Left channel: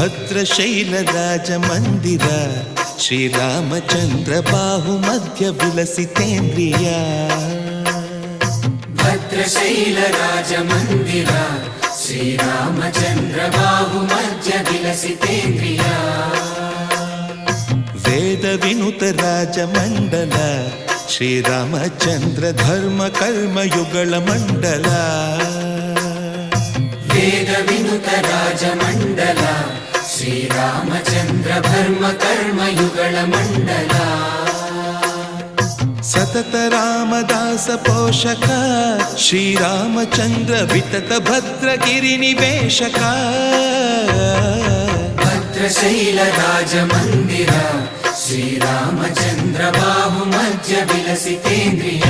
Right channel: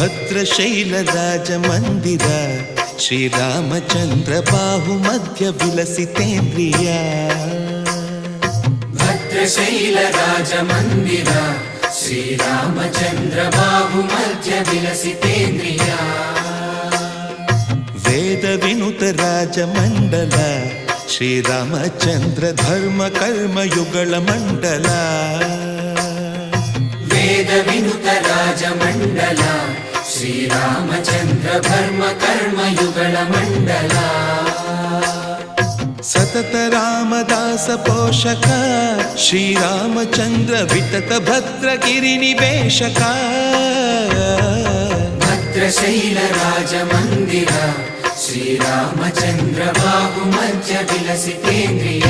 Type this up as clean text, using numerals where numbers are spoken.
ಭದ್ರಶೈಲ ರಾಜ ಮಂದಿರ ಶ್ರೀರಾಮಚಂದ್ರ ಬಾಹು ಮಧ್ಯ ವಿಲಸಿತೇಂದ್ರಿಯ ಭದ್ರಶೈಲ ರಾಜ ಮಂದಿರ ಶ್ರೀರಾಮಚಂದ್ರ ಬಾಹು ಮಧ್ಯ ವಿಲಸಿತೇಂದ್ರಿಯ ವೇದ ವಿನುತ ರಾಜ ಮಂಡಲ ಶ್ರೀರಾಮಚಂದ್ರ ಧರ್ಮ ಕರ್ಮ ಯುಗಳ ಮಂಡಲ ವೇದ ವಿನುತ ರಾಜ ಮಂಡಲ ಶ್ರೀರಾಮಚಂದ್ರ ಧರ್ಮ ಕರ್ಮ ಯುಗಳ ಮಂಡಲ ಸತತ ರಾಮದಾಸ ಪೋಷಕ ಶ್ರೀರಾಮಚಂದ್ರ ವಿತತ ಭದ್ರಗಿರಿ ನಿವೇಶಕ ಭದ್ರಶೈಲ ರಾಜ ಮಂದಿರ ಶ್ರೀರಾಮಚಂದ್ರ ಬಾಹು ಮಧ್ಯ ವಿಲಸಿತೇಂದ್ರಿಯ